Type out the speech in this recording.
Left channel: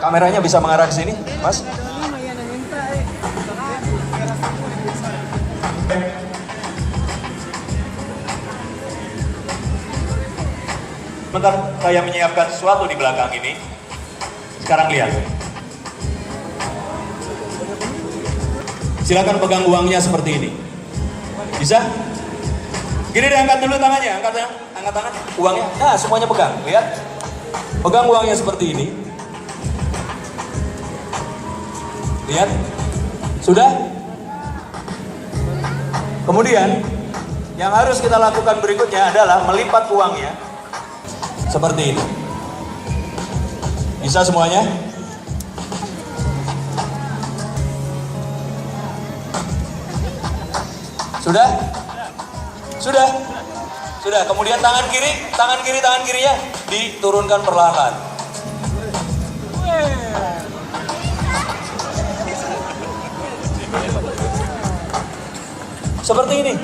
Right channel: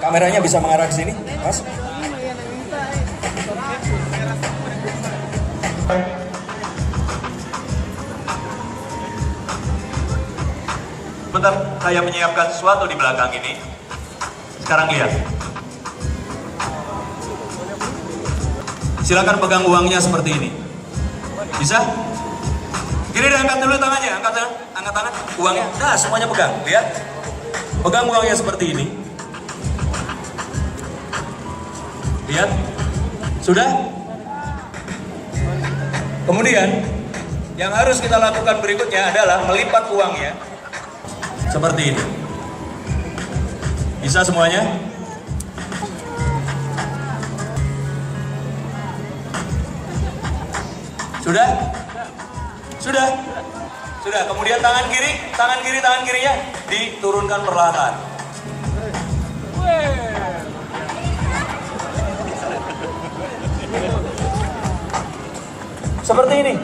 Kameranya bisa mengarah ke sini, Mas. Bentar, saya menyiapkan sesuatu di belakang ini. Sekarang lihat. Silakan pegang uangnya seperti ini. Bisa? Gini deh, angkat dulu tangannya, angkat tangan, uangnya. Nah, semuanya pegang, lihat. Pegang uangnya seperti ini. Lihat. Sudah? Kemudian, yang harus kita lakukan berikutnya adalah melipat uangnya. Seperti ini. Bisa semuanya? Sudah? Sudah? Sudah. Kemudian tangan kirinya diturunkan perlahan. Seperti ini.